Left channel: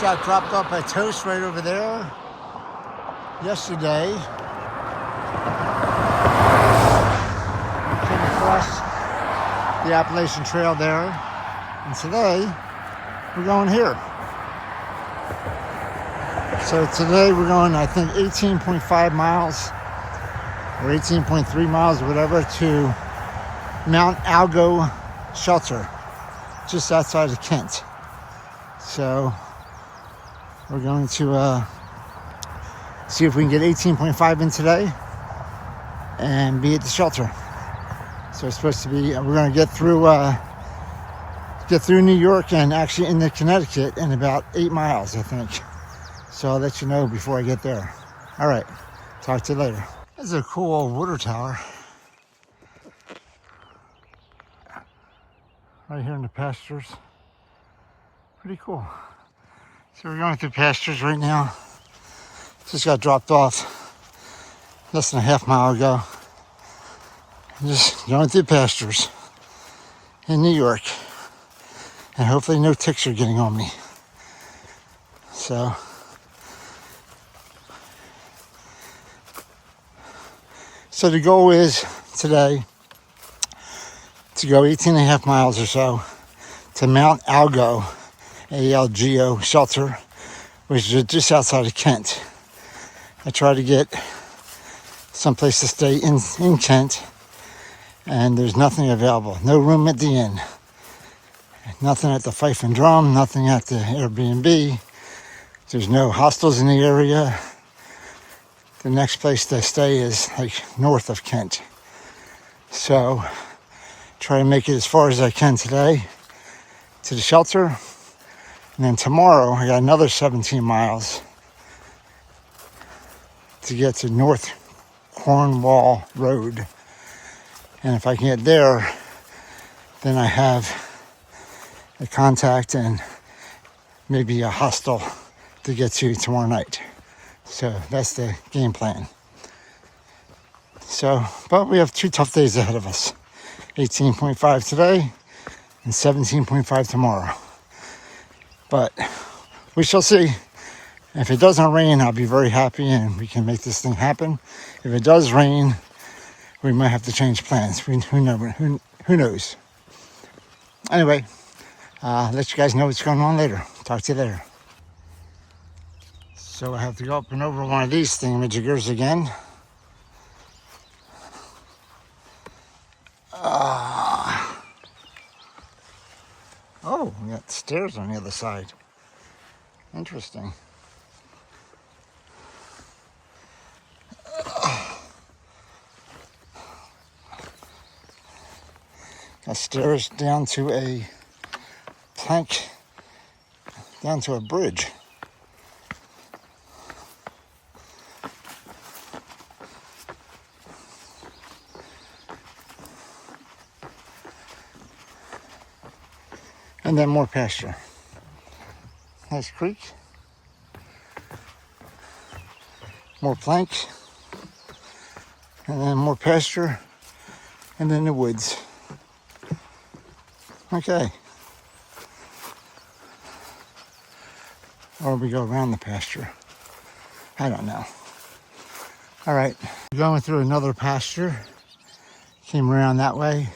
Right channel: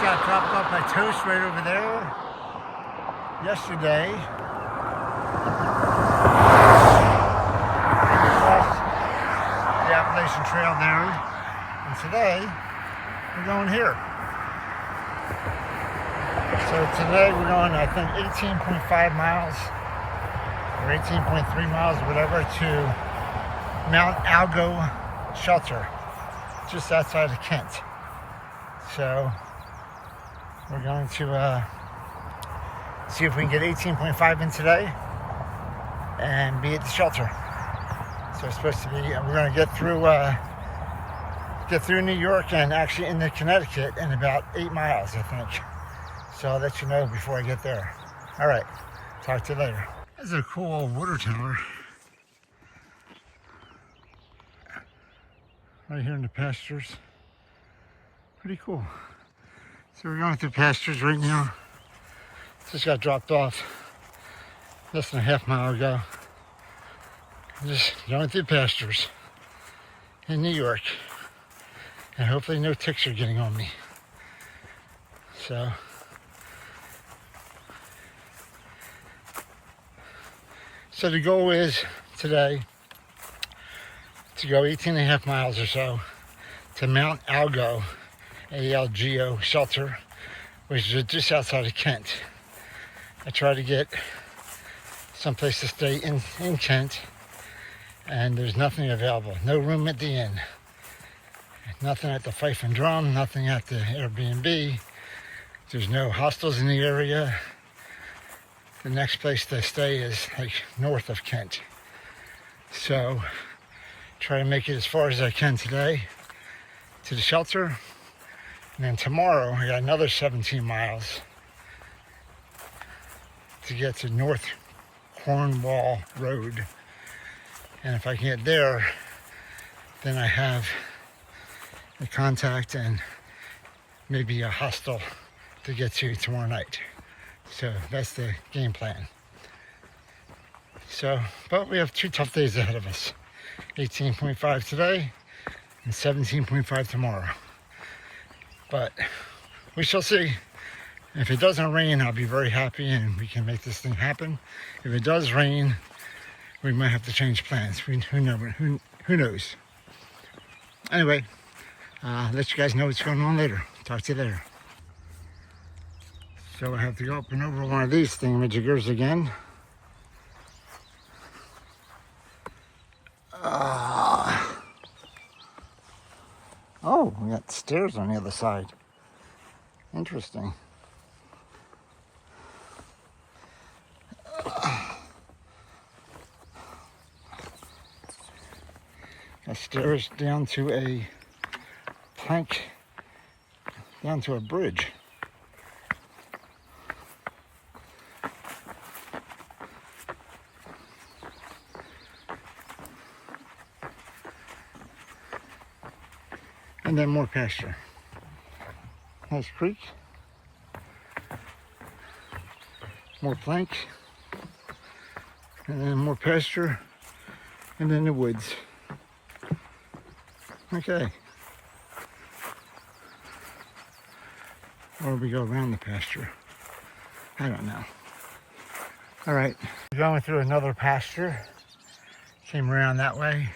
got dropped off by Toast right over there yesterday. The Appalachian Trail there. And today, we're going here. So today we're going, I think, 18.5 miles or 18.3 miles or whatever to Mt Algo Shelter, just outside of Kent. So we're going to see if we can get 18.5 in today and be at the shelter. So it's supposed to be, we're going to get through New York and actually into Connecticut in about 8 miles, I think. So I'll let you know before I get there. All right, talk to you later. This is a cool old water tower. Right here in the pastures. Pretty cool. So we're going through pastures right now. Just got dropped off less than a half mile ago. Just going through pastures in New York. And hopefully no ticks are getting on me. So the goal is today to go 18.5 miles or so to Mt Algo, A-L-G-O Shelter, which is just outside of Kent. I try to get someplace to stay in Kent, and there's nothing available. No room at the inn. Nothing at the Fife and Drum, nothing at the Airbnb. There's no hostels in the area. The next place to stay is like north of Kent. So try to make it as far as I can today to the shelter. And then tomorrow I got another 17 miles to get to North Cornwall Road. And if I can get there, then I have a contact and maybe a hostel to get to tomorrow night. So that's the game plan. So, but we have 2 tough days ahead of us. 18.5 today and 17.5 tomorrow. But we shall see. If it doesn't rain, I'll be very happy and we can make this thing happen. If it does rain, we might have to change plans. Who knows? Anyway, let you guys know what's going on later. Talk to you later. So I have to go up and over one of these thingamajiggers again. Oh, we got stairs on the other side. Interesting. Got stairs down to a plank, down to a bridge. And then more pasture. Nice creek. More planks. And then more pasture. And then the woods. Okay. Or we go around the pasture. I don't know. All right. We're going through another pasture. Came around that way.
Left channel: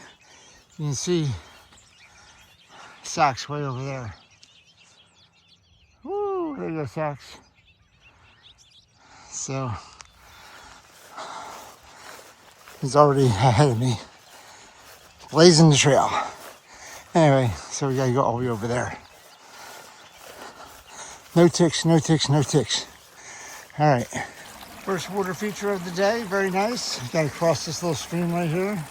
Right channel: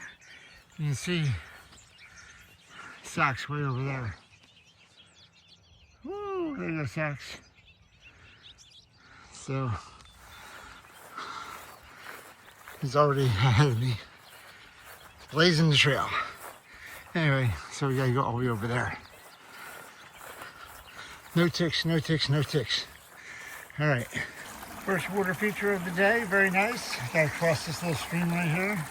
You can see sacks way over there. Woo, there you go, sacks. So he's already ahead of me, blazing the trail. Anyway, so we gotta go all the way over there. No ticks, no ticks, no ticks. All right. First water feature of the day, very nice. Gotta cross this little stream right here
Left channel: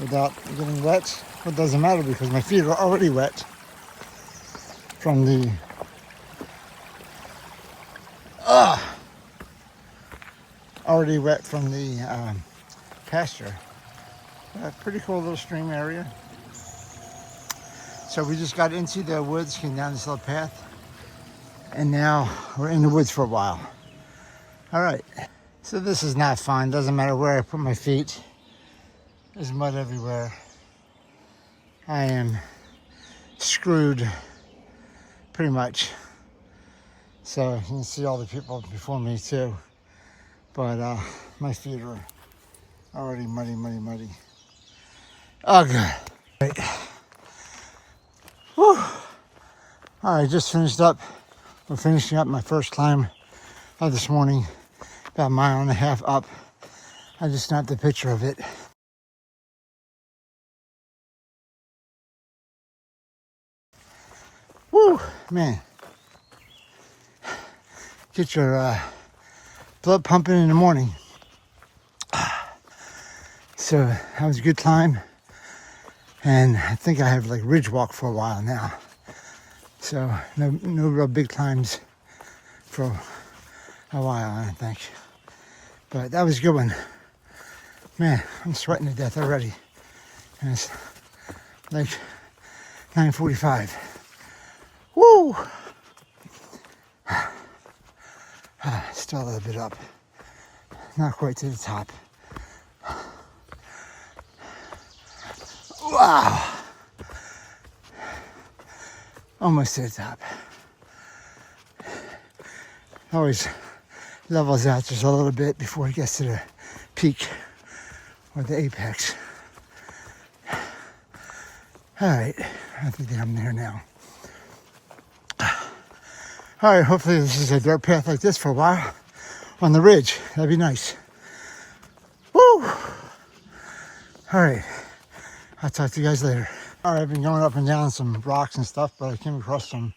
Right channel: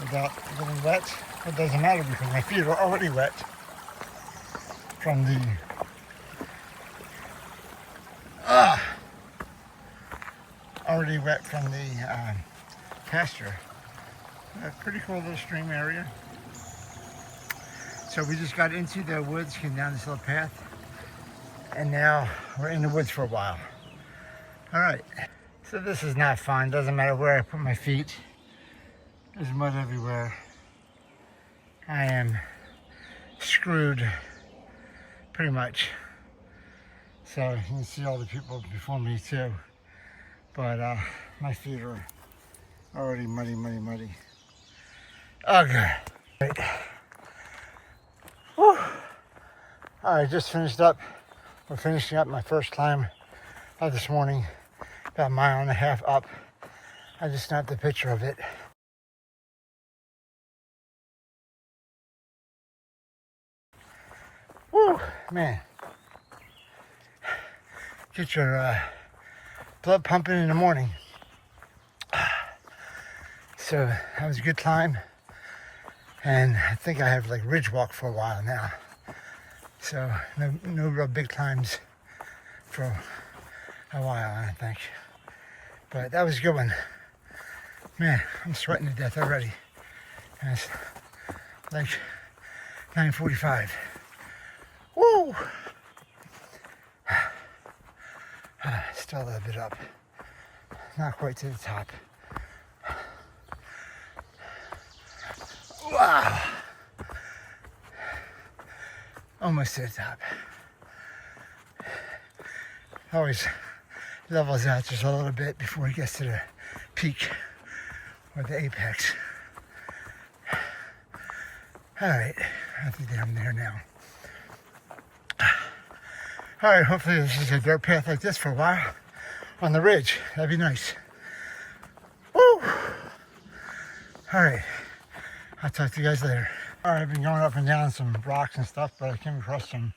without getting wet. It doesn't matter because my feet are already wet from the pasture. Pretty cool little stream area. So we just got into the woods, came down this little path, and now we're in the woods for a while. All right, so this is not fun. Doesn't matter where I put my feet. There's mud everywhere. I am screwed pretty much. So you can see all the people before me too. But my feet are already muddy. Oh, good. Right. Whew. All right, just finished up. I'm finishing up my first climb of this morning, about a mile and a half up. I just snapped a picture of it. Woo, man. Get your blood pumping in the morning. So that was a good climb. And I think I have like ridge walk for a while now. So no real big climbs for a while, I don't think. But that was a good one. Man, I'm sweating to death already. And it's like 9:45. Woo! Still a little bit up. Not quite to the top. Wow! Almost to the top. Always levels out just a little bit before he gets to the peak or the apex. Alright, I think I'm there now. Alright, hopefully this is a dirt path like this for a while on the ridge. That'd be nice. Woo! Alright, I'll talk to you guys later. Alright, I've been going up and down some rocks and stuff, but I came across some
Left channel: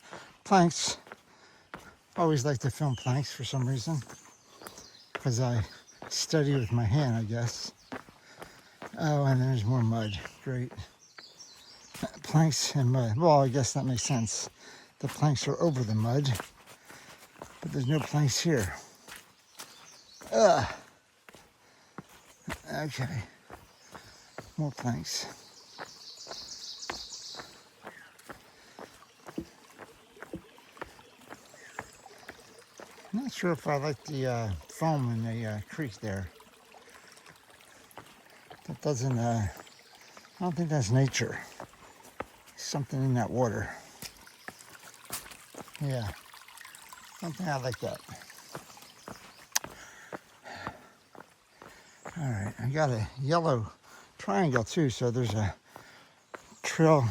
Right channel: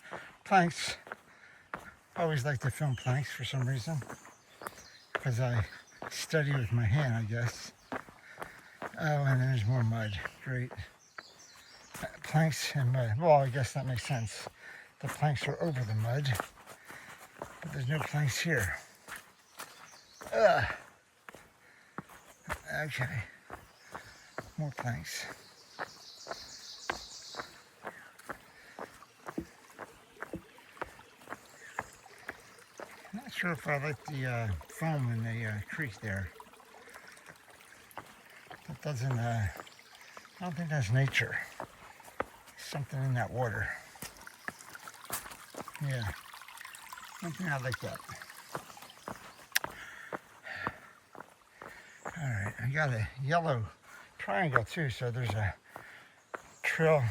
planks. Always like to film planks for some reason, because I study with my hand, I guess. Oh, and there's more mud. Great. Planks and mud. Well, I guess that makes sense. The planks are over the mud, but there's no planks here. Okay. More planks. I'm not sure if I like the foam in the creek there. That doesn't, I don't think that's nature. Something in that water. Yeah, I don't think I like that. Alright, I got a yellow triangle too, so there's a trail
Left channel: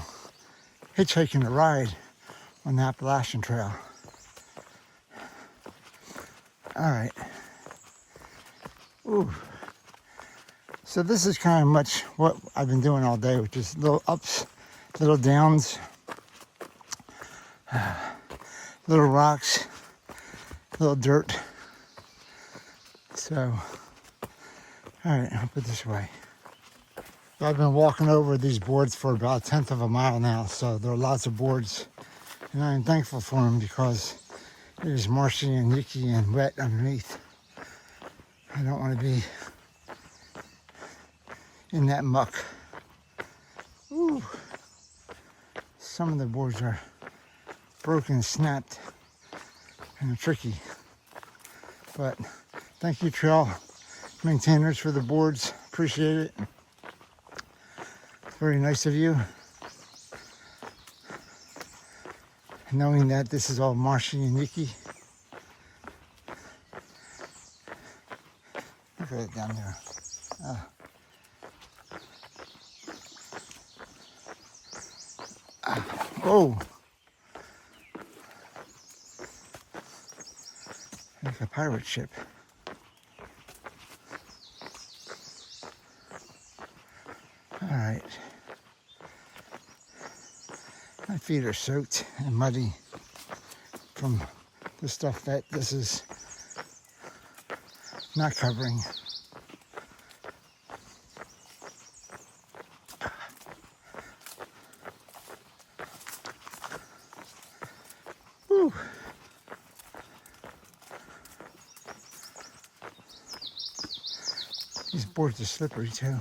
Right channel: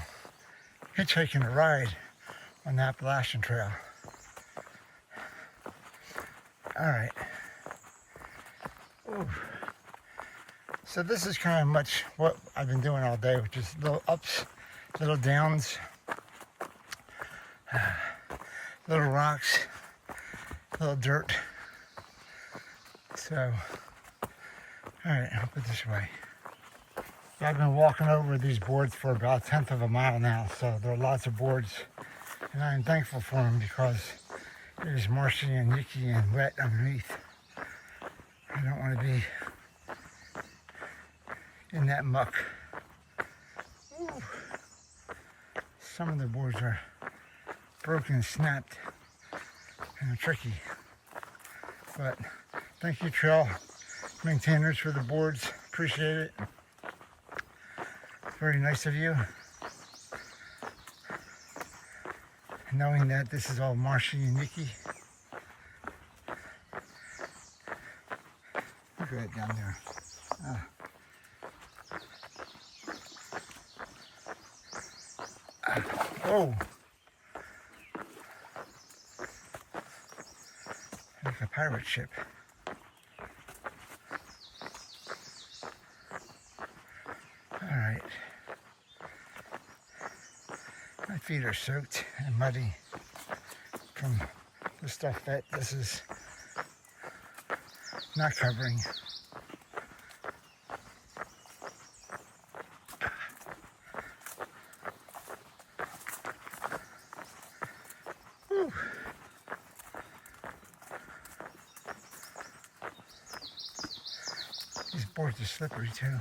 hitchhiking a ride on the Appalachian Trail. Alright. Ooh. So this is kind of much what I've been doing all day, which is little ups, little downs, little rocks, little dirt. So, alright, I'll put it this way. I've been walking over these boards for about 1/10 of a mile now, so there are lots of boards. And I'm thankful for them because it is marshy and icky and wet underneath. I don't want to be in that muck. Ooh. Some of the boards are broken, snapped, and tricky. But thank you, trail maintainers, for the boards. Appreciate it. Very nice of you. Knowing that this is all marshy and icky. Look at it down there. Whoa! Like a pirate ship. Alright. My feet are soaked and muddy from the stuff that this is not covering. Whew. These boards are slippery too.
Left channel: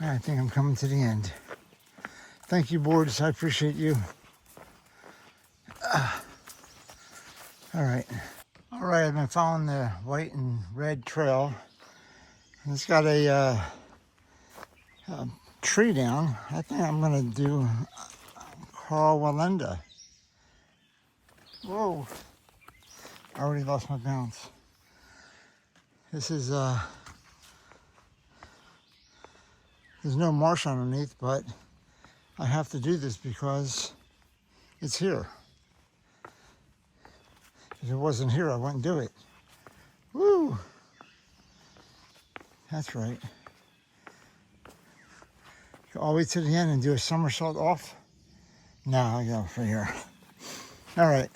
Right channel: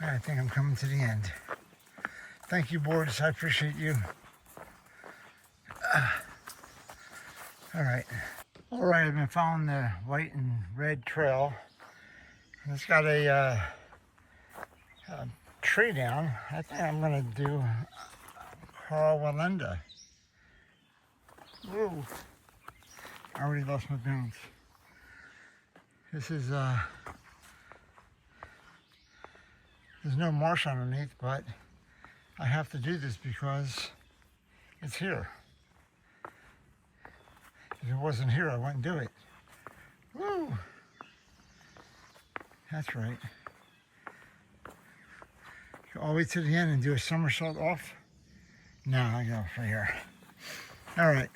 I think I'm coming to the end. Thank you, boards. I appreciate you. Alright. Alright, I've been following the white and red trail. And it's got a tree down. I think I'm going to do Carl Walenda. Whoa. I already lost my balance. This is, there's no marsh underneath, but I have to do this because it's here. If it wasn't here, I wouldn't do it. Woo! That's right. Go all the way to the end and do a somersault off. Now I go for here. All right.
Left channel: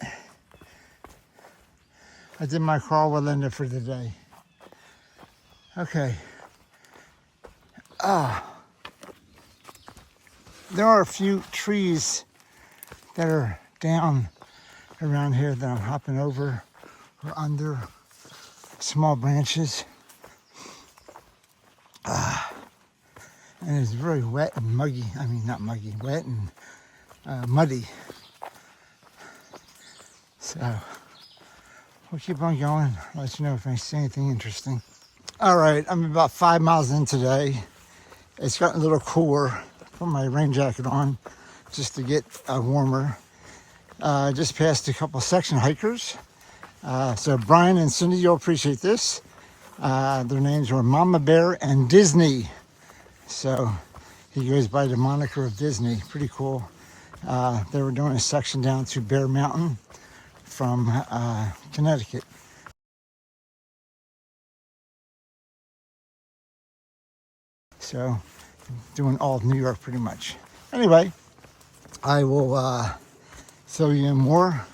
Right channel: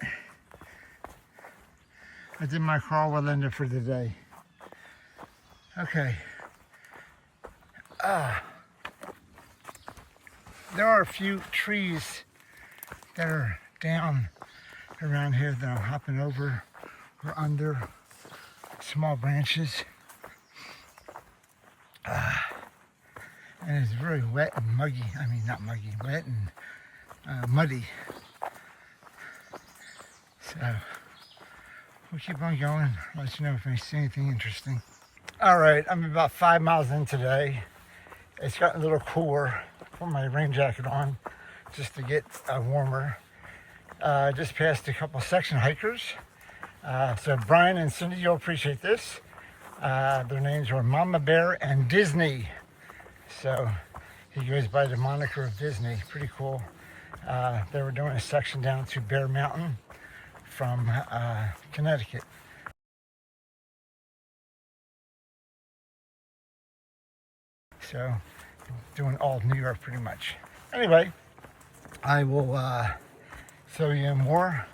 I did my crawl with Linda for the day. Okay. There are a few trees that are down around here that I'm hopping over or under, small branches. And it's very wet and muggy. I mean, not muggy, wet and muddy. So we'll keep on going. I'll let you know if I see anything interesting. All right, I'm about 5 miles in today. It's gotten a little cooler. Put my rain jacket on just to get warmer. I just passed a couple section hikers. So Brian and Cindy, you'll appreciate this. Their names were Mama Bear and Disney. So he goes by the moniker of Disney. Pretty cool. They were doing a section down to Bear Mountain from Connecticut. So doing all of New York pretty much. Anyway, I will show you more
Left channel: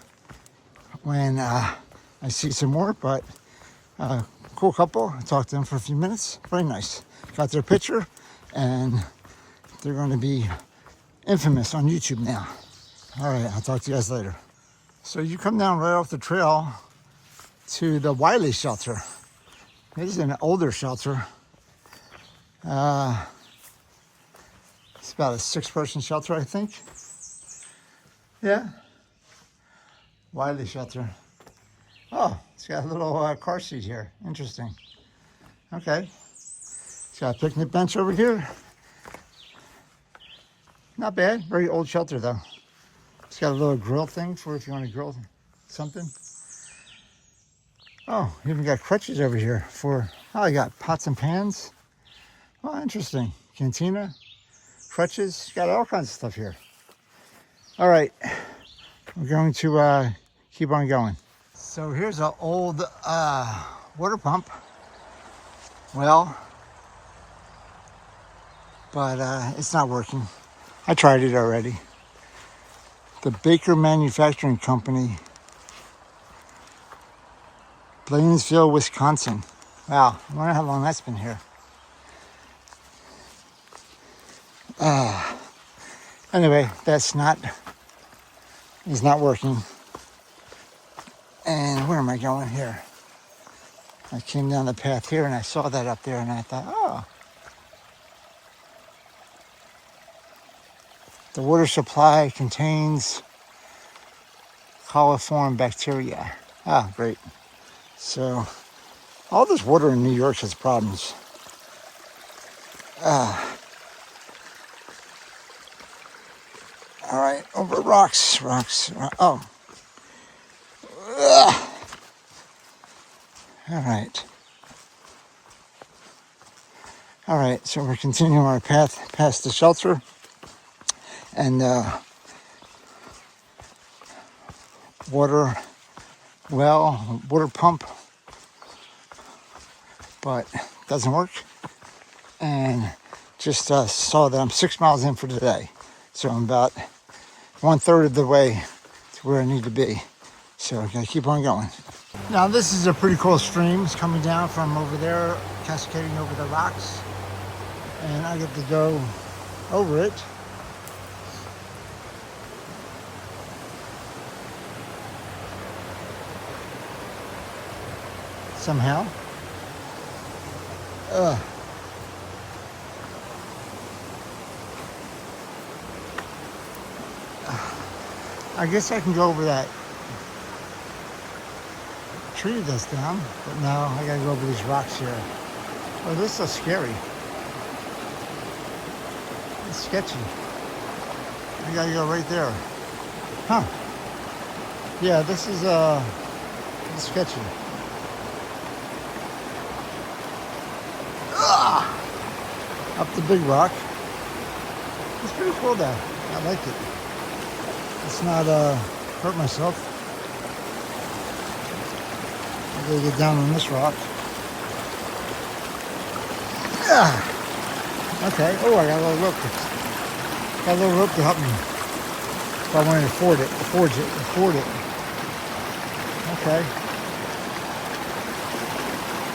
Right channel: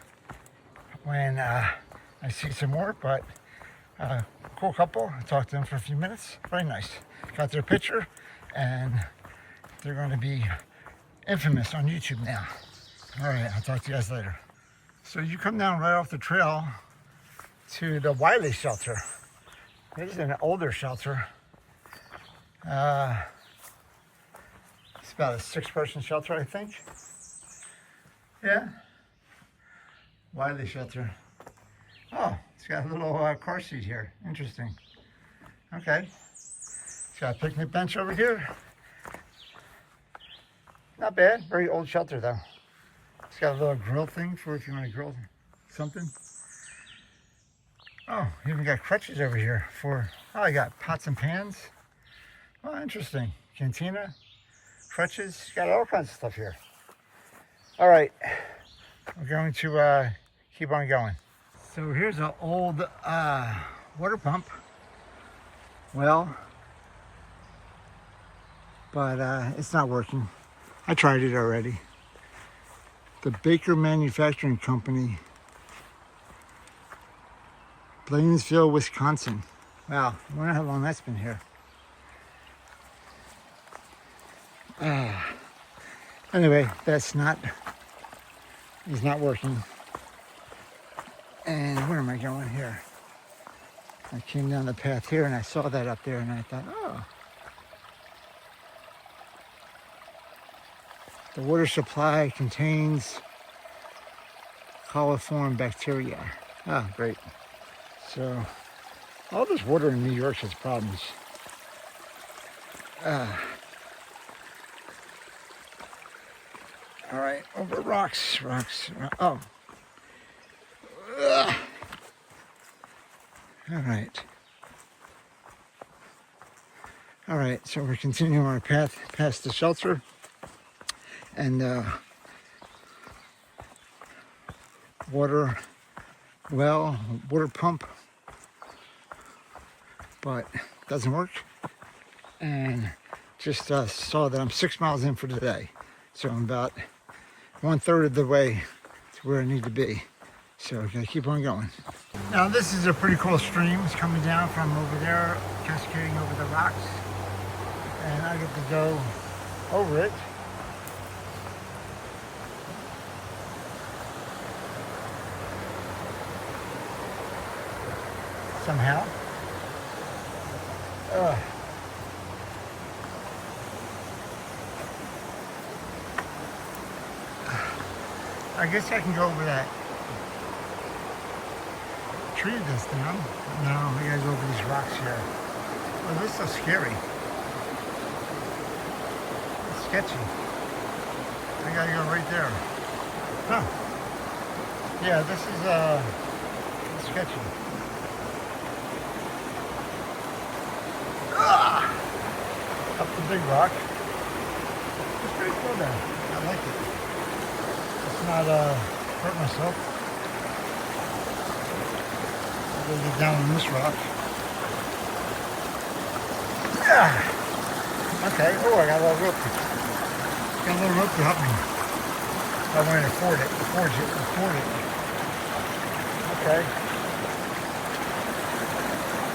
when I see some more, but cool couple. I talked to them for a few minutes. Very nice. Got their picture, and they're going to be infamous on YouTube now. All right, I'll talk to you guys later. So you come down right off the trail to the Whereisdutch shelter. This is an older shelter. It's about a 6-person shelter, I think. Yeah. Whereisdutch shelter. Oh, it's got a little car seat here. Interesting. Okay. It's got a picnic bench over here. Not bad. Very old shelter, though. It's got a little grill thing for if you want to grill something. Oh, even got crutches over here for, oh, I got pots and pans. Oh, interesting. Cantina, crutches, got all kinds of stuff here. All right, we're going to keep on going. So here's an old water pump. Well, but it's not working. I tried it already. The Baker Manufacturing Company, Blanesville, Wisconsin. Wow, I wonder how long that's been here. Anyway, it's not working. And where am I going here? I came down the path here and I saw that up there and I thought, oh. The water supply contains coliform bacteria. Ah, great. So, all this water in New York has problems. All right, over rocks. Oh. Ugh. All right, so we're continuing our path past the shelter. And water pump, but doesn't work. And just saw that I'm 6 miles in for today. So I'm about 1/3 of the way to where I need to be. So I gotta keep on going. Now this is a pretty cool stream. It's coming down from over there, cascading over the rocks. And I get to go over it. Somehow. I guess I can go over that tree that's down, but no, I gotta go over these rocks here. Oh, this is scary. It's sketchy. I gotta go right there. Huh. Yeah, this is sketchy. Up the big rock. It's pretty cool though. I like it. Let's not hurt myself. I'm gonna get down on this rock. Okay, oh, I got a little rope. Got a little rope to help me. If I want to afford it. Okay.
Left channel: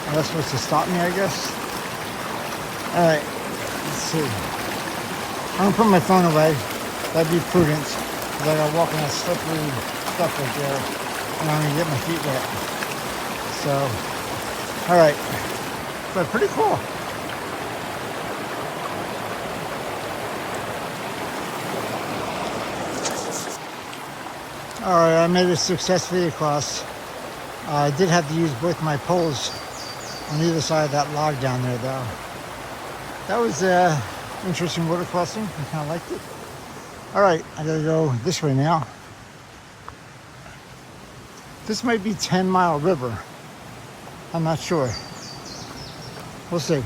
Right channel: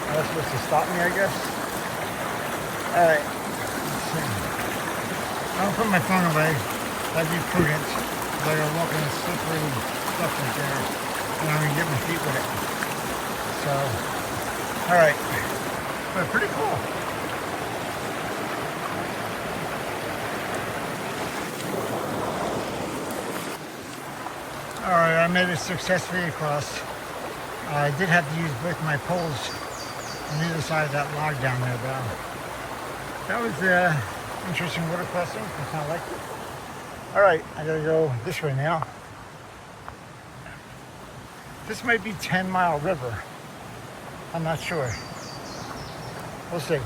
Well, that's supposed to stop me, I guess. Alright, let's see. I'm gonna put my phone away. That'd be prudent. I gotta walk on that slippery stuff right there. And I'm gonna get my feet wet. So, alright. But pretty cool. Alright, I made it successfully across. I did have to use both my poles on either side of that log down there though. That was interesting water crossing. I kind of liked it. Alright, I gotta go this way now. This might be 10 Mile River. I'm not sure. We'll see.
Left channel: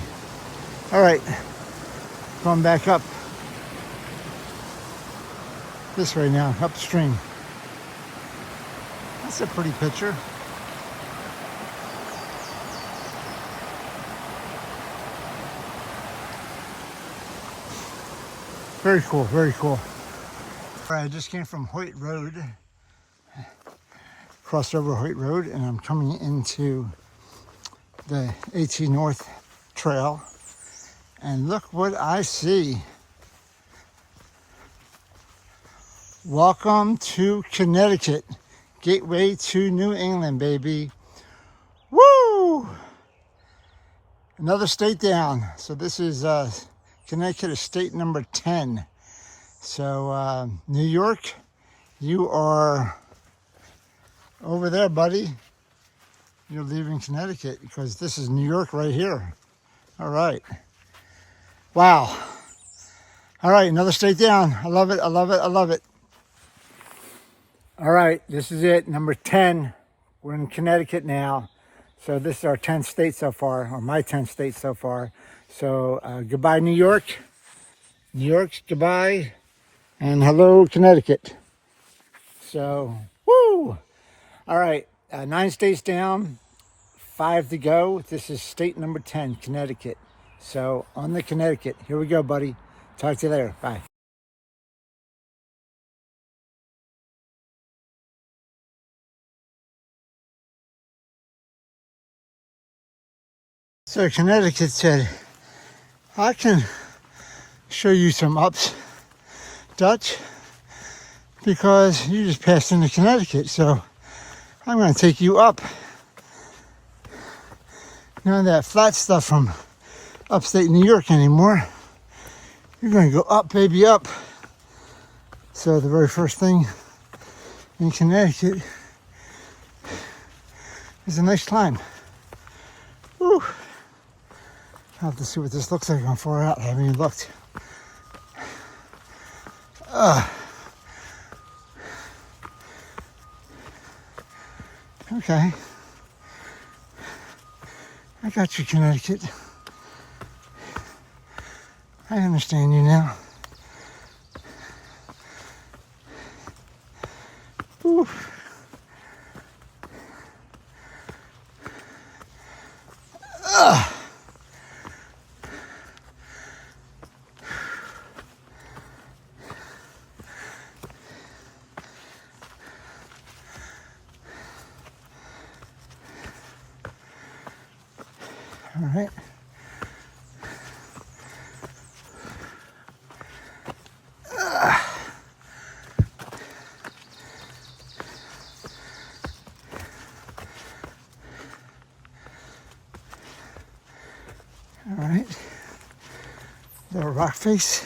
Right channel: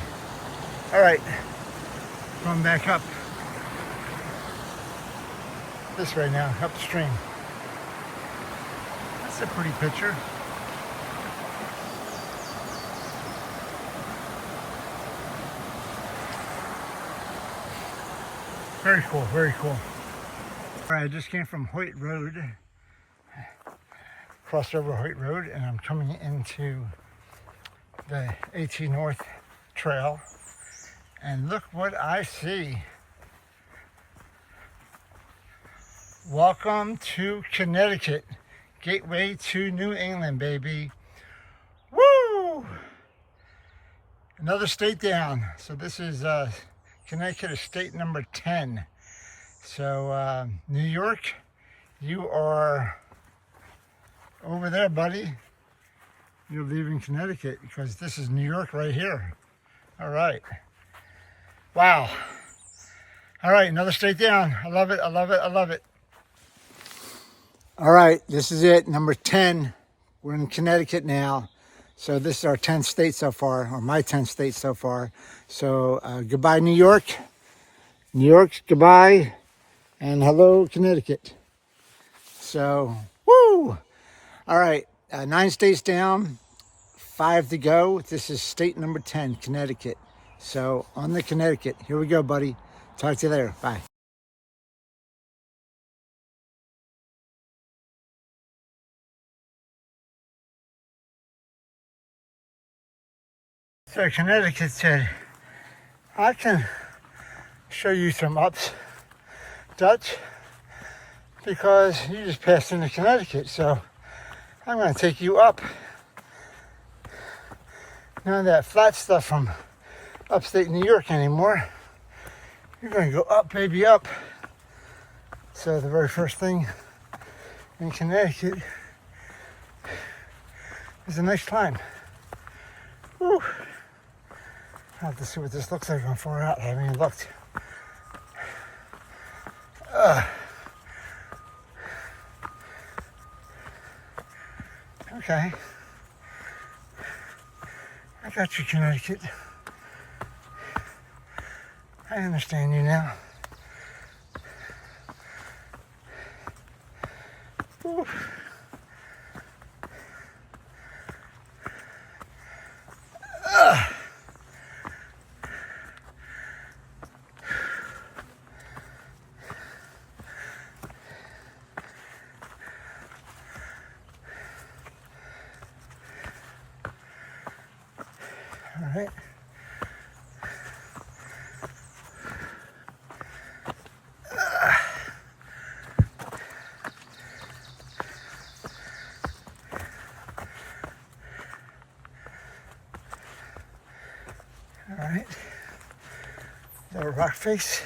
Alright, going back up. This way now, upstream. That's a pretty picture. Very cool, very cool. All right, I just came from Hoyt Road, crossed over Hoyt Road, and I'm coming into the AT North Trail. And look what I see. Welcome to Connecticut. Gateway to New England, baby. Woo! Another state down. So this is Connecticut is state number 10. So New York, you are over there, buddy. You're leaving Connecticut because this is New York right here. All right. Wow. All right, another state down. I love it, I love it, I love it. All right, this is it, number 10. We're in Connecticut now. So this is our 10th state so far, or my 10th state so far. So goodbye, New York. New York, goodbye. And hello, Connecticut. So, woo! All right, 9 states down, 5 to go. This is state number 10, Connecticut. So on the Connecticut, here we go, buddy. Talk to you later, bye. So Connecticut said, I can show you some ups, Dutch, because you just passed into Connecticut, so I'm going to take you up. Not that flat stuff from upstate New York anymore. You're going to go up, baby, up. So the very first thing in Connecticut is a nice climb. Whew. I'll have to see what this looks like on far out. I haven't even looked. Okay. I got you, Connecticut. I understand you now. Whew. All right. All right. Little rock face.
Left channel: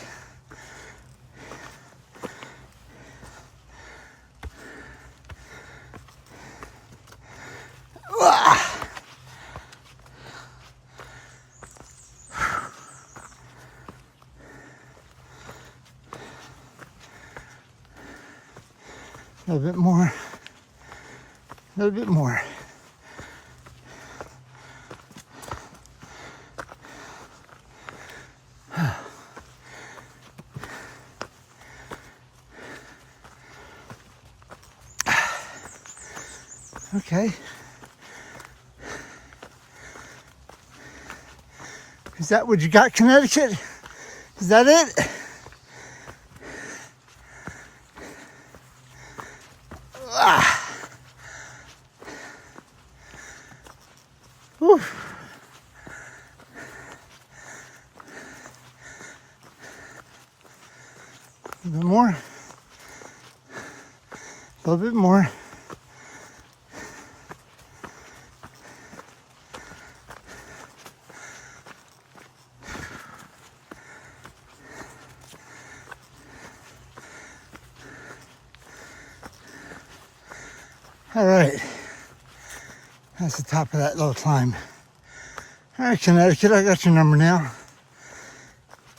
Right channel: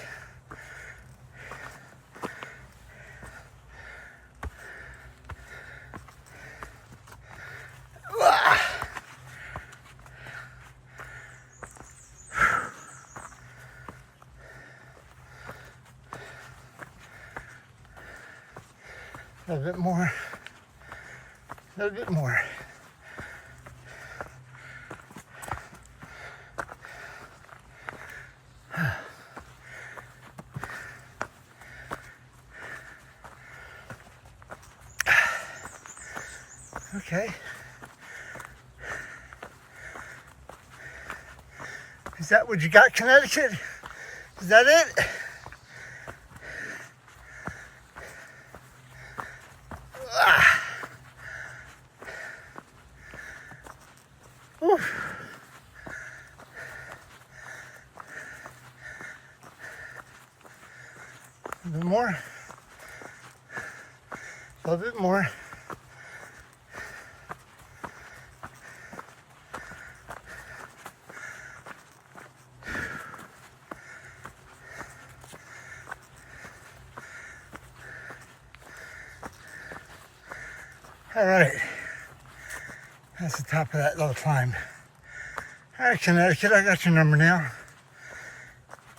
A little bit more. little bit more. Okay. Is that what you got, Connecticut? Is that it? Whew. A little bit more. A little bit more. All right, that's the top of that little climb. All right, Connecticut, I got your number now.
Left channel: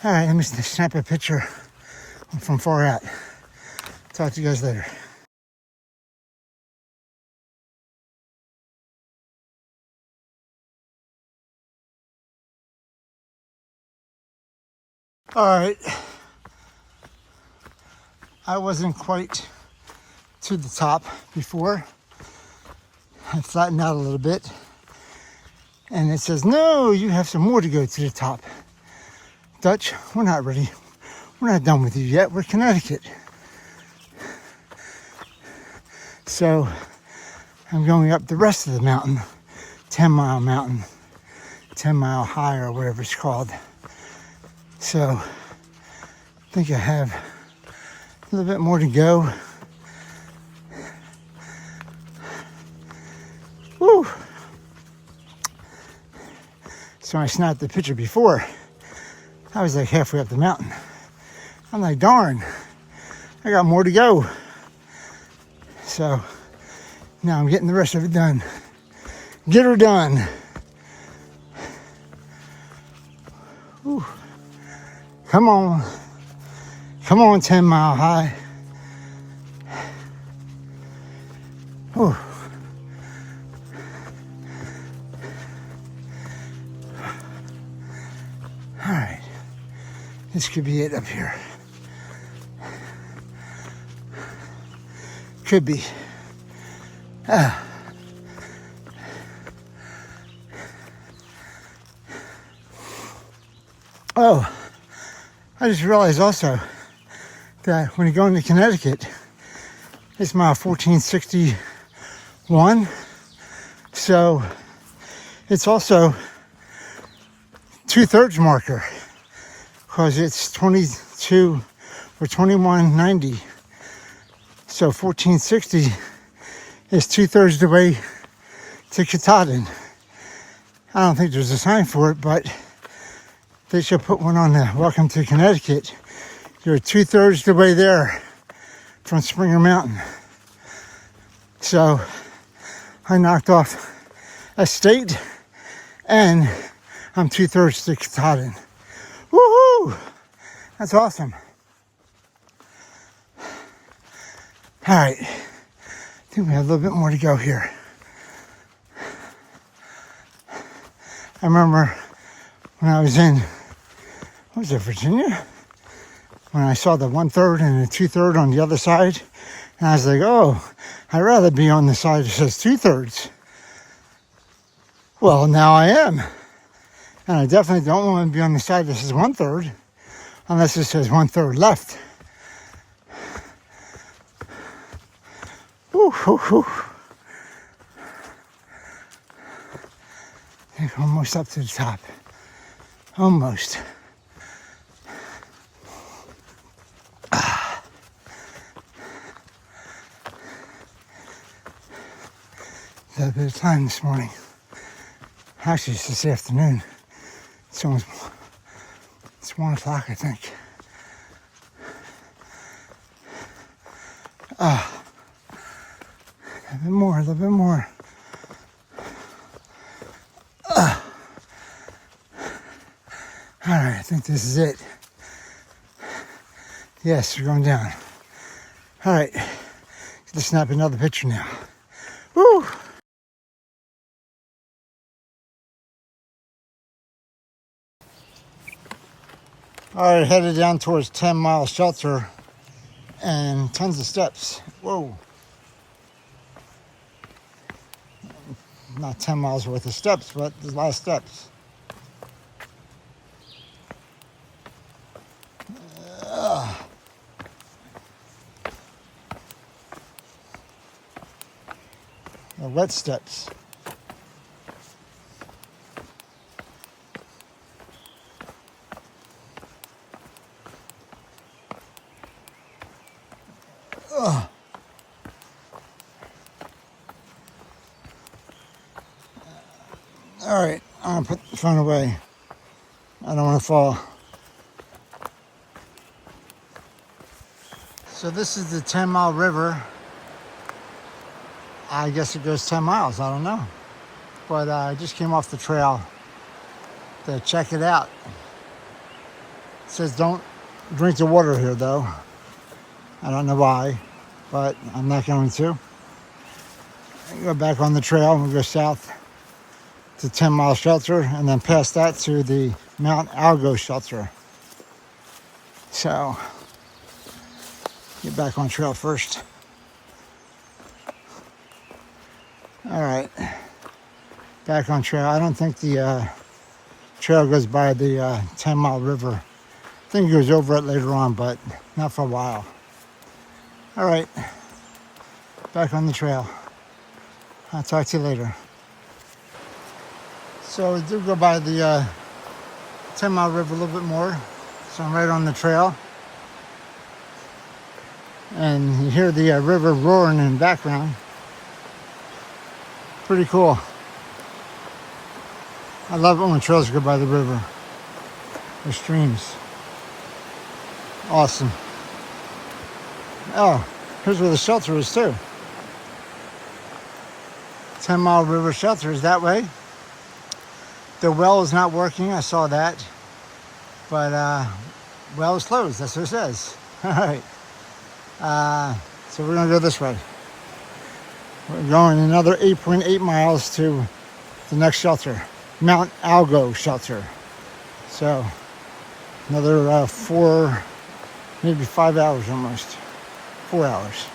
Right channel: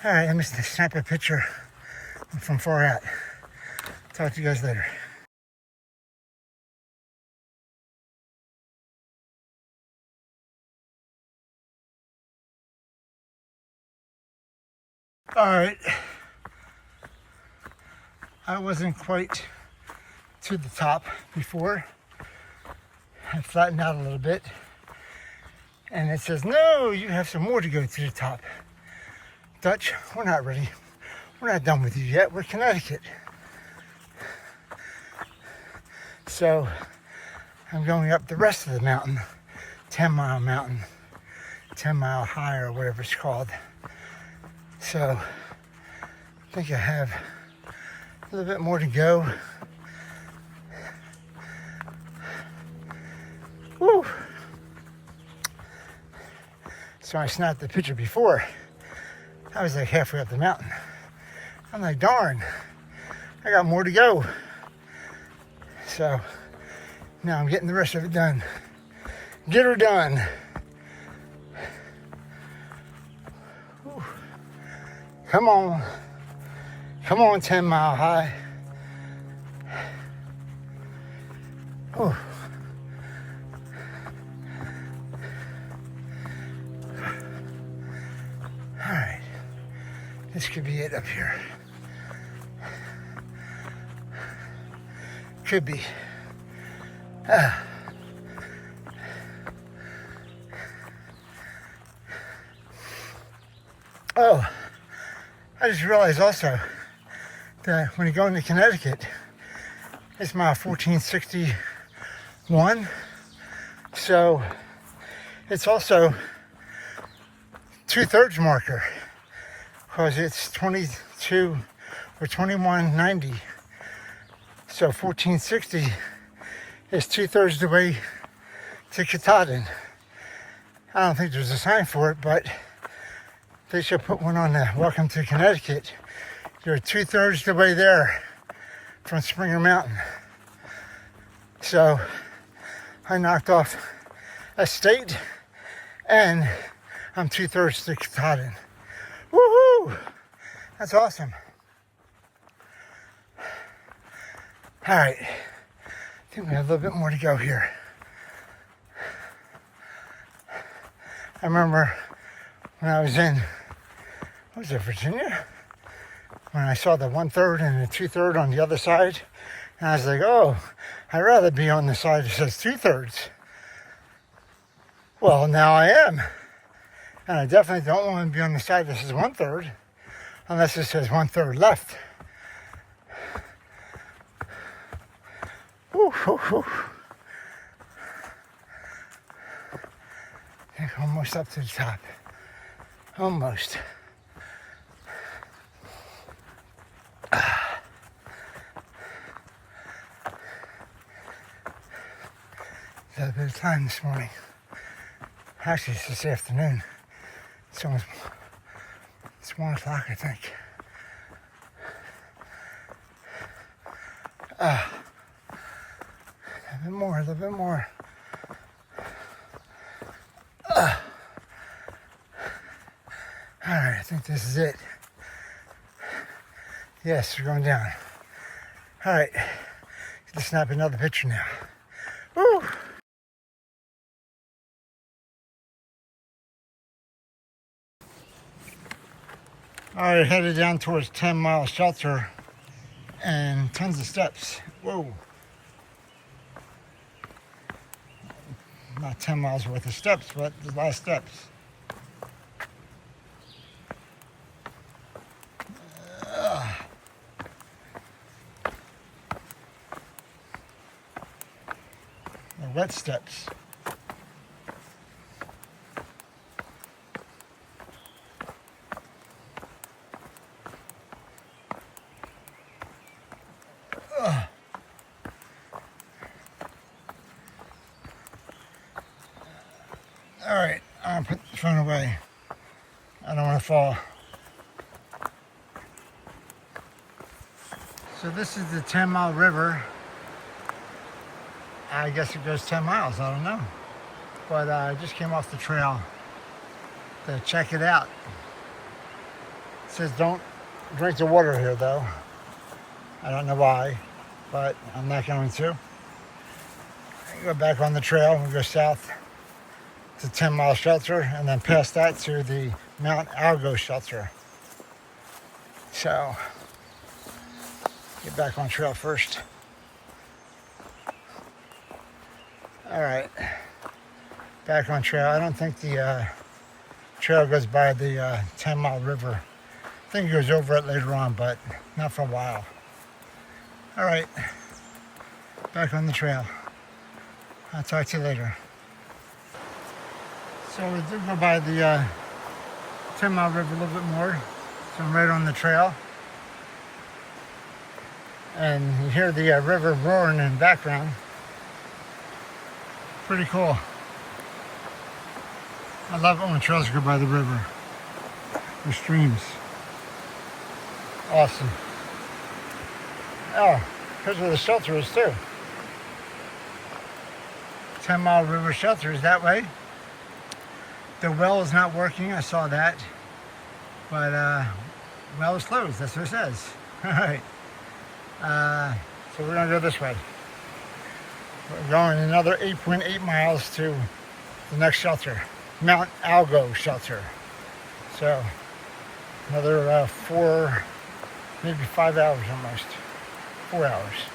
All right, let me snap a picture from far out. Talk to you guys later. All right, I wasn't quite to the top before. I flattened out a little bit, and it says, no, you have some more to go to the top. Dutch, we're not ready. We're not done with you yet. We're Connecticut. So I'm going up the rest of the mountain, 10-mile mountain, 10-mile high or whatever it's called. So I think I have a little bit more to go. Woo. So I snapped the picture before. I was like halfway up the mountain. I'm like, darn, I got more to go. So now I'm getting the rest of it done. Get her done. Whew. Come on. Come on, 10-mile high. Whew. All right. This could be it up here. Could be. Oh, I just realized also that when you go into Connecticut, it's mile 1461. So it's also 2/3 marker because it's 22 or 2190. So 1460 is 2/3 the way to Katahdin. I don't think there's a sign for it, but they should put one on the Welcome to Connecticut. You're 2/3 the way there from Springer Mountain. So I knocked off a state and I'm 2/3 to Katahdin. Woohoo! That's awesome. All right, I think we have a little bit more to go here. I remember when I was in, what was it, Virginia? When I saw the 1/3 and the 2/3 on the other side, and I was like, oh, I'd rather be on the side that says 2/3. Well, now I am. And I definitely don't want to be on the side that says 1/3, unless it says 1/3 left. Whew, whew, whew. Almost up to the top. Almost. Had a bit of time this morning. Actually, it's this afternoon. It's 1 o'clock, I think. A little bit more, a little bit more. All right, I think this is it. Yes, we're going down. All right, let's snap another picture now. Woo! All right, headed down towards 10 Mile Shelter and tons of steps. Whoa. Not 10 miles worth of steps, but there's a lot of steps. The wet steps. All right, I'm gonna put the phone away. I don't want to fall. So this is the 10 Mile River. I guess it goes 10 miles, I don't know. But I just came off the trail to check it out. It says don't drink the water here though. I don't know why, but I'm not going to. Go back on the trail and we'll go south to 10 Mile Shelter and then past that to the Mt Algo Shelter. So, get back on trail first. All right, back on trail. I don't think the trail goes by the 10 Mile River. I think it goes over it later on, but not for a while. All right, back on the trail. I'll talk to you later. So we do go by the 10 Mile River a little bit more. So I'm right on the trail. And you hear the river roaring in the background. Pretty cool. I love it when trails go by the river or streams. Awesome. Oh, here's where the shelter is too. 10 Mile River Shelter is that way. The well is not working, I saw that. But well is closed, that's what it says. All right. So we're gonna go this way. We're going another 8.8 miles to the next shelter, Mt Algo Shelter. So another 4, maybe 5 hours almost. 4 hours.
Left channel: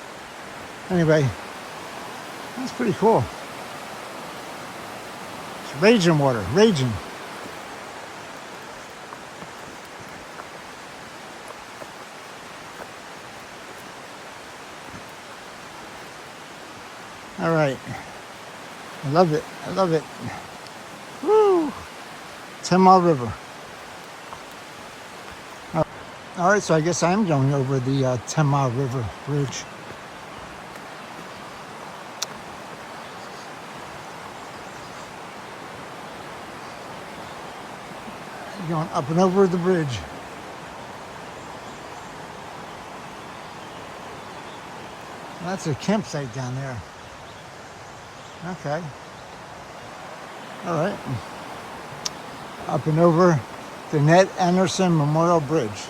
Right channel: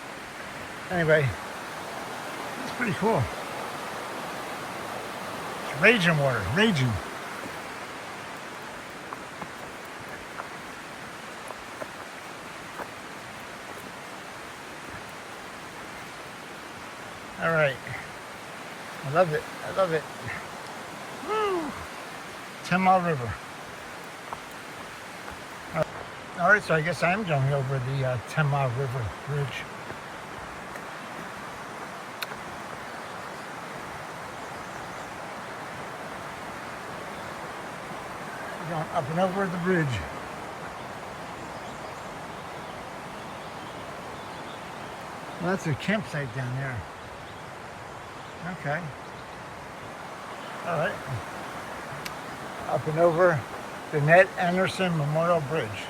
Anyway, that's pretty cool. It's raging water, raging. All right, I love it, I love it. Woo! 10 Mile River. All right, so I guess I'm going over the 10 Mile River Bridge. Going up and over the bridge. Well, that's a campsite down there. Okay. All right. Up and over the Ned Anderson Memorial Bridge.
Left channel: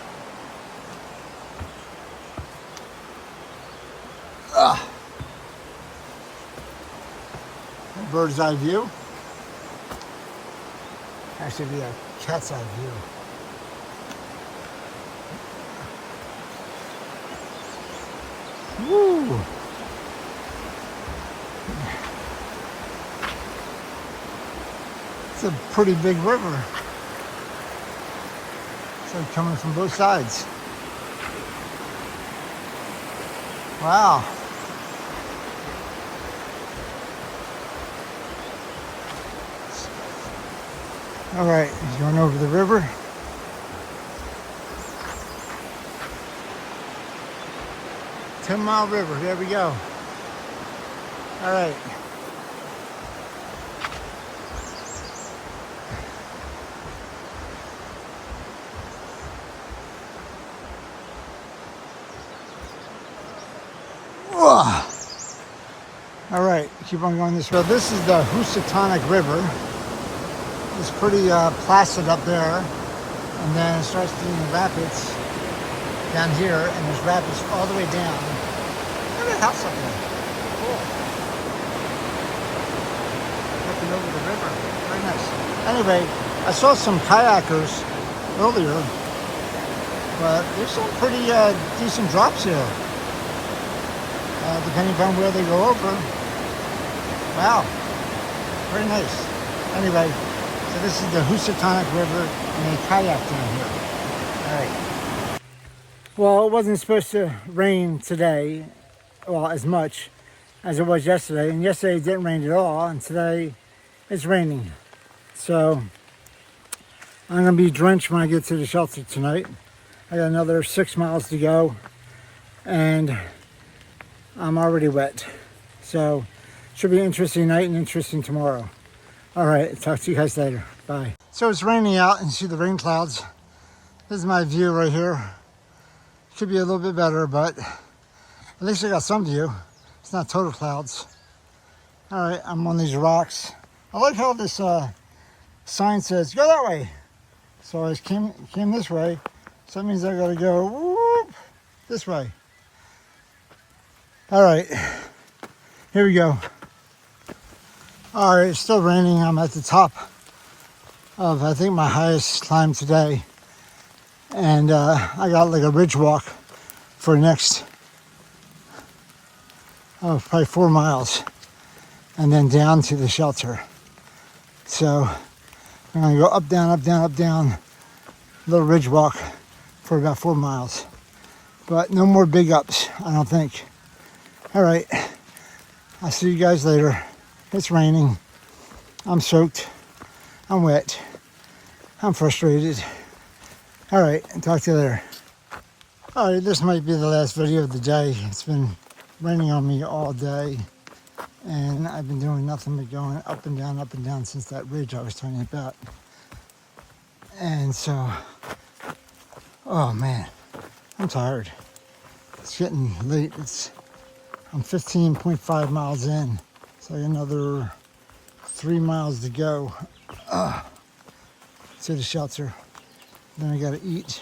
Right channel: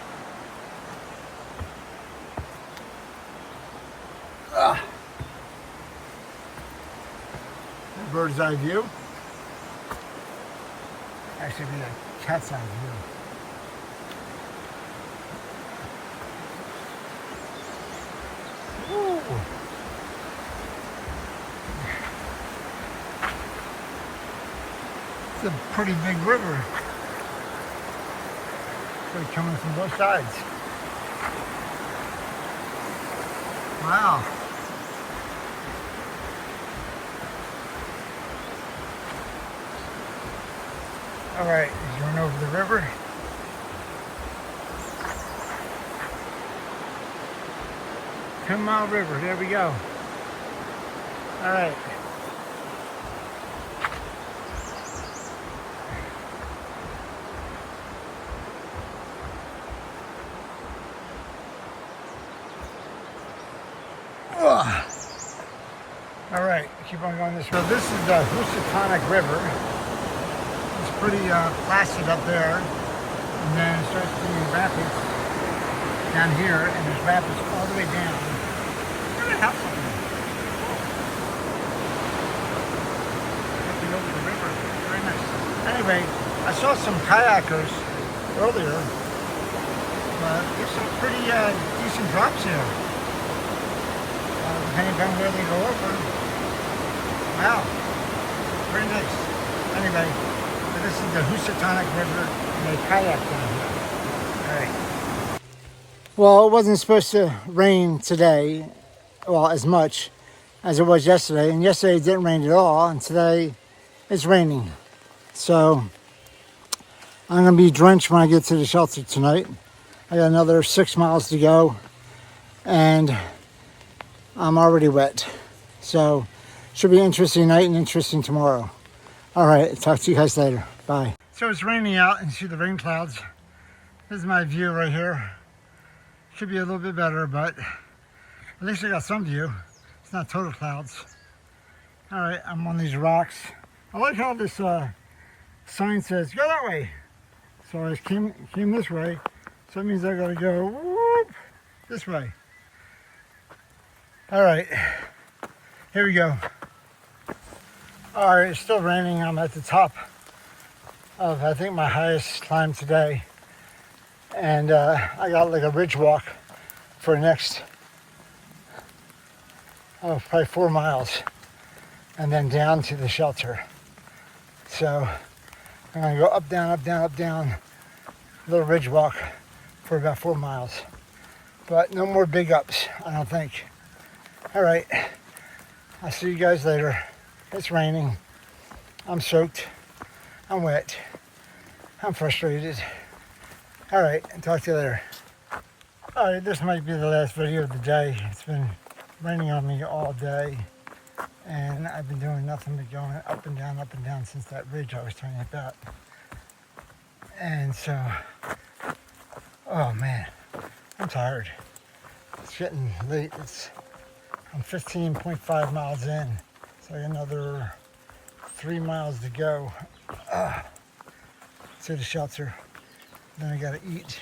Bird's eye view. Actually, be a cat's eye view. Woo. It's a pretty big river. It's like coming from both sides. Wow. All right, he's going over the river. Ten Mile River, there we go. All right. All right, keep on going this way. So this is the Housatonic River. It's pretty placid up there, and then it starts being rapids down here, and there's rapids all the way down. Look at that house up there. Cool. Looking over the river. Very nice. Anyway, I saw some kayakers earlier But there's some pretty decent drops here, depending on where they go over. Wow, very nice. Anyway, so this is the Housatonic River in the kayak down here. All right. Well, it wasn't supposed to rain today, well, as much as it was yesterday. And yesterday it didn't rain at all, and today it's raining. So I'm gonna be drenched when I get to the shelter tonight. I got another 6 miles to go, and I'm already wet. So should be an interesting night and interesting tomorrow. All right, talk to you guys later. Bye. So it's raining out, and you see the rain clouds. This is my view right here. Could be a little bit better, but at least I got some view. It's not total clouds. All right, I'm on these rocks. I like how this sign says, go that way. So I came this way. So that means I gotta go whoop, this way. All right, here we go. All right, it's still raining. I'm at the top of, I think, my highest climb today. And I got like a ridge walk for the next probably 4 miles, and then down to the shelter. So I'm gonna go up, down, up, down, up, down, little ridge walk for about 4 miles. But no more big ups, I don't think. All right, I'll see you guys later. It's raining. I'm soaked. I'm wet. I'm frustrated. All right, talk to you later. All right, this might be the last video of the day. It's been raining on me all day, and I've been doing nothing but going up and down since that ridge I was telling you about. And so, oh man, I'm tired. It's getting late. I'm 15.5 miles in. It's like another 3 miles to go to the shelter. Then I gotta eat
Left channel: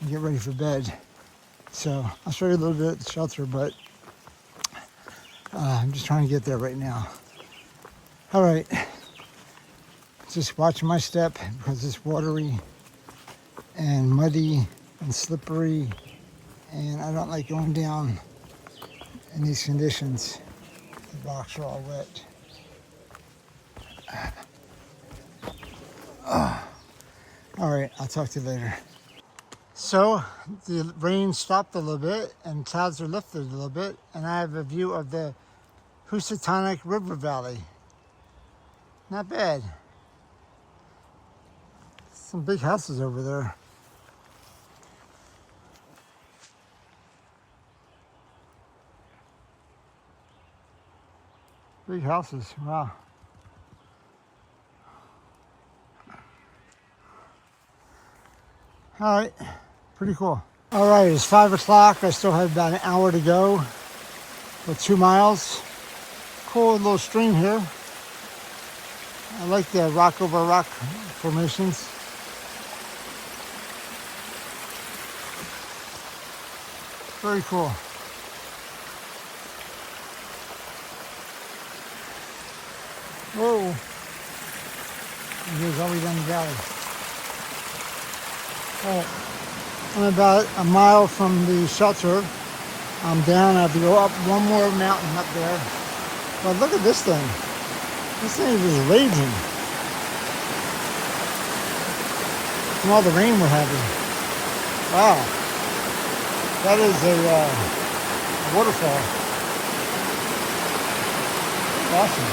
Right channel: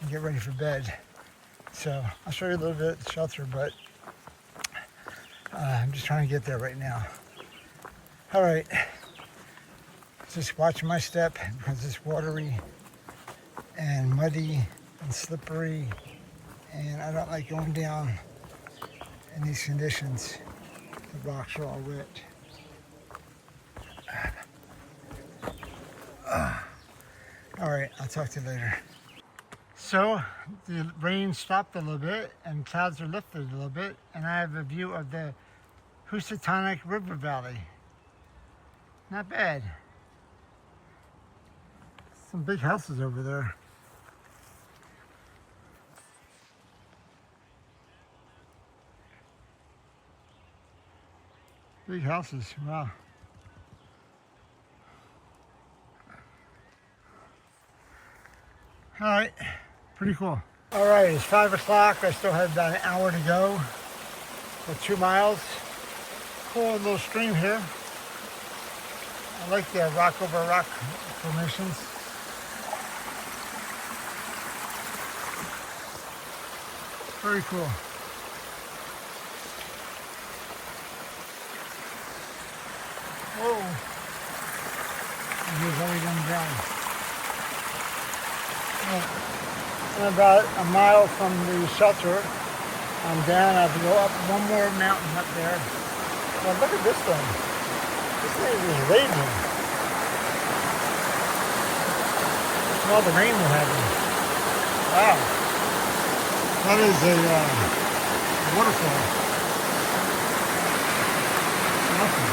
and get ready for bed. So I'll show you a little bit at the shelter, but I'm just trying to get there right now. All right, just watching my step because it's watery and muddy and slippery, and I don't like going down in these conditions. The rocks are all wet. All right, I'll talk to you later. So the rain stopped a little bit and clouds are lifted a little bit, and I have a view of the Housatonic River Valley. Not bad. Some big houses over there. Big houses, wow. All right, pretty cool. All right, it's 5 o'clock. I still have about an hour to go for 2 miles. Cool little stream here. I like the rock over rock formations. Very cool. Whoa. And here's all the way down the valley. I'm about a mile from the shelter. I'm down. I have to go up one more mountain up there. Oh, look at this thing. This thing is raging. From all the rain we're having. Wow. That is a waterfall. Awesome.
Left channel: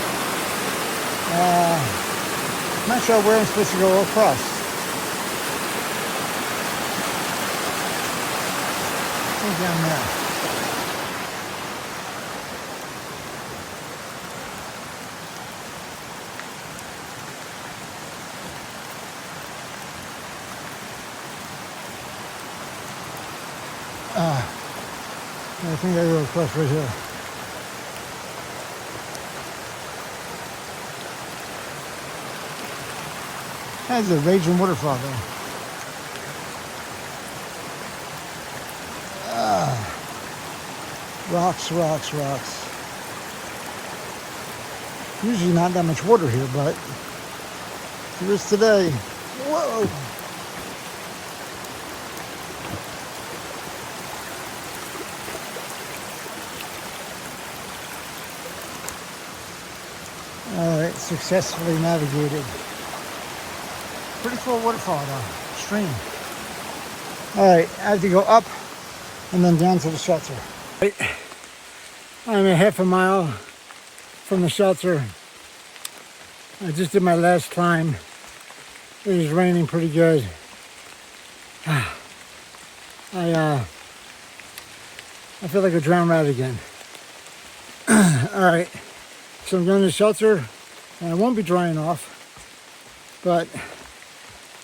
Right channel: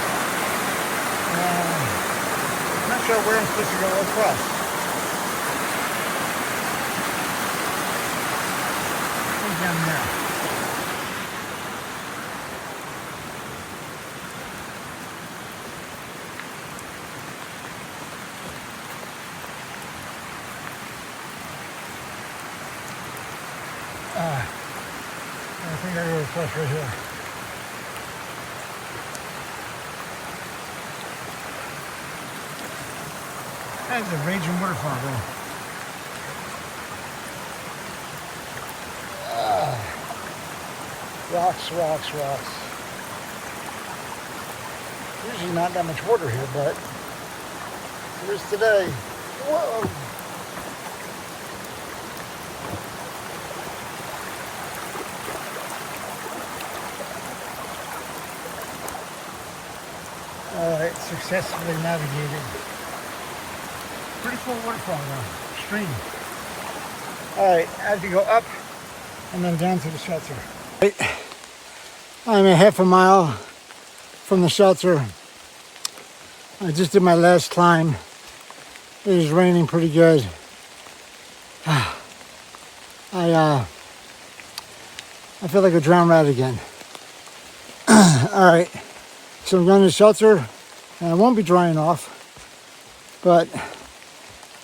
I'm not sure where I'm supposed to go across. Down now. I think I go across right here. That's a raging waterfall there. Rocks, rocks, rocks. Usually not that much water here, but there is today. Whoa! successfully navigated. Pretty cool waterfall now, stream. All right, I have to go up and then down to the shelter. I'm a half a mile from the shelter. I just did my last climb. It is raining pretty good. I feel like a drowned rat again. All right, so I'm going to the shelter, and I won't be drying off, but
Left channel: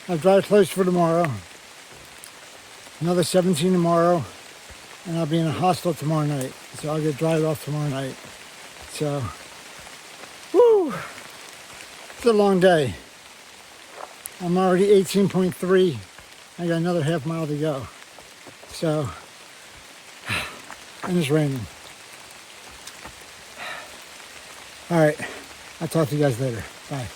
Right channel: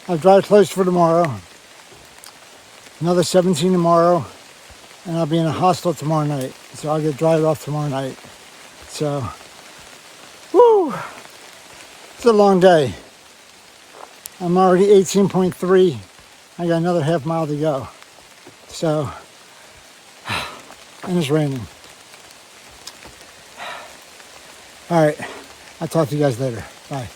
I'll dry clothes for tomorrow. Another 17 tomorrow, and I'll be in a hostel tomorrow night. So I'll get dried off tomorrow night. So, woo! It's a long day. I'm already 18.3. I got another half mile to go. So, and it's raining. All right, I'll talk to you guys later. Bye.